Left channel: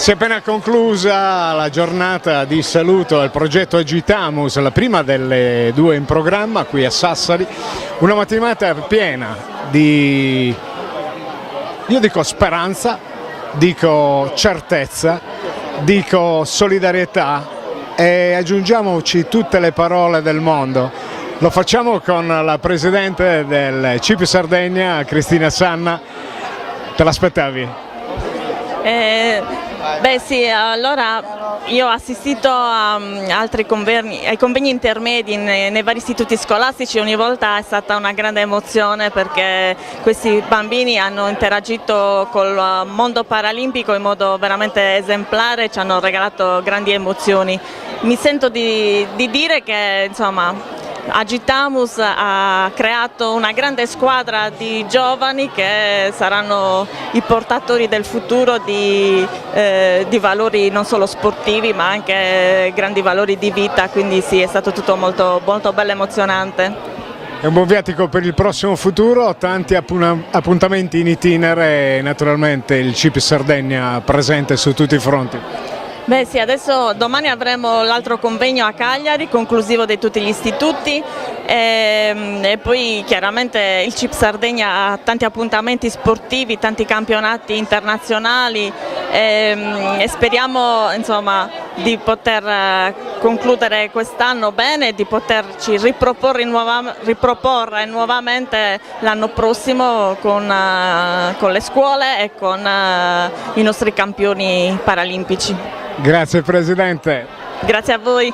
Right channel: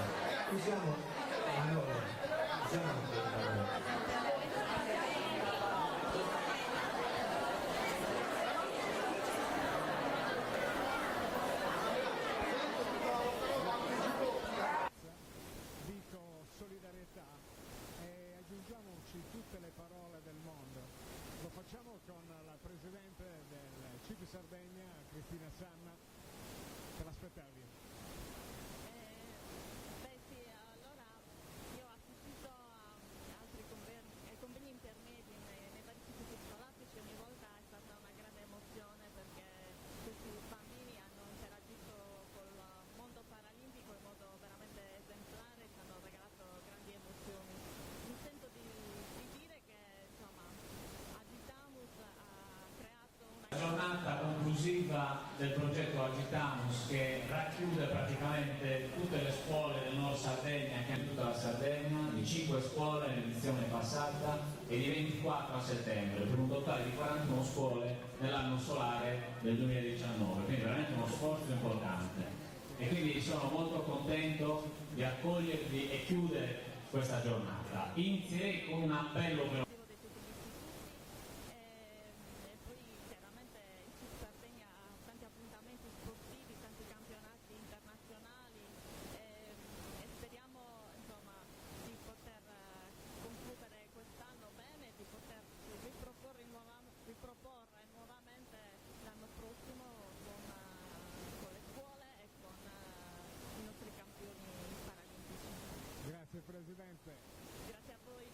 Si è appena conclusa la giornata di saluto al progetto Agitamus, la prima delle due in programma qui a Sassari, una mattinata piena di, io dico speranza, dico certezza, dico solidarietà e aggiungiamoci tutte le parole del mondo. Lo facciamo con la presidente del CIP Sardegna, Cristina Sanna. Te l'aspettavi? Beh sì, allora io ho assistito a altri convegni, ai convegni intermedi nei vari istituti scolastici. Ogni volta è stata una grande emozione perché questi bambini hanno interagito col mondo paralimpico in modo veramente esemplare, ci hanno regalato grandi emozioni. Mi sento di dire che insomma Agitamus ha creato una grande squadra di giovani che saranno i portatori del futuro di valori non solo sportivi ma anche grandi valori di vita, quindi sì, è stato tutto molto, molto bello e emozionante. È un buon viatico per il prossimo futuro, tanti appuntamenti in itinere e naturalmente il CIP Sardegna presente su tutti i fronti. Beh sì, adesso domani avremo l'altro convegno a Cagliari, conclusivo di tutti gli istituti e poi chiaramente il CIP Sardegna ha tanti appuntamenti sportivi, tanti campionati internazionali e speriamo insomma di poter concludere quest'anno bene e di poterci riproporre nuovamente l'anno prossimo con le scuole e con i nostri campioni paralimpici. Grazie Presidente. Grazie a voi.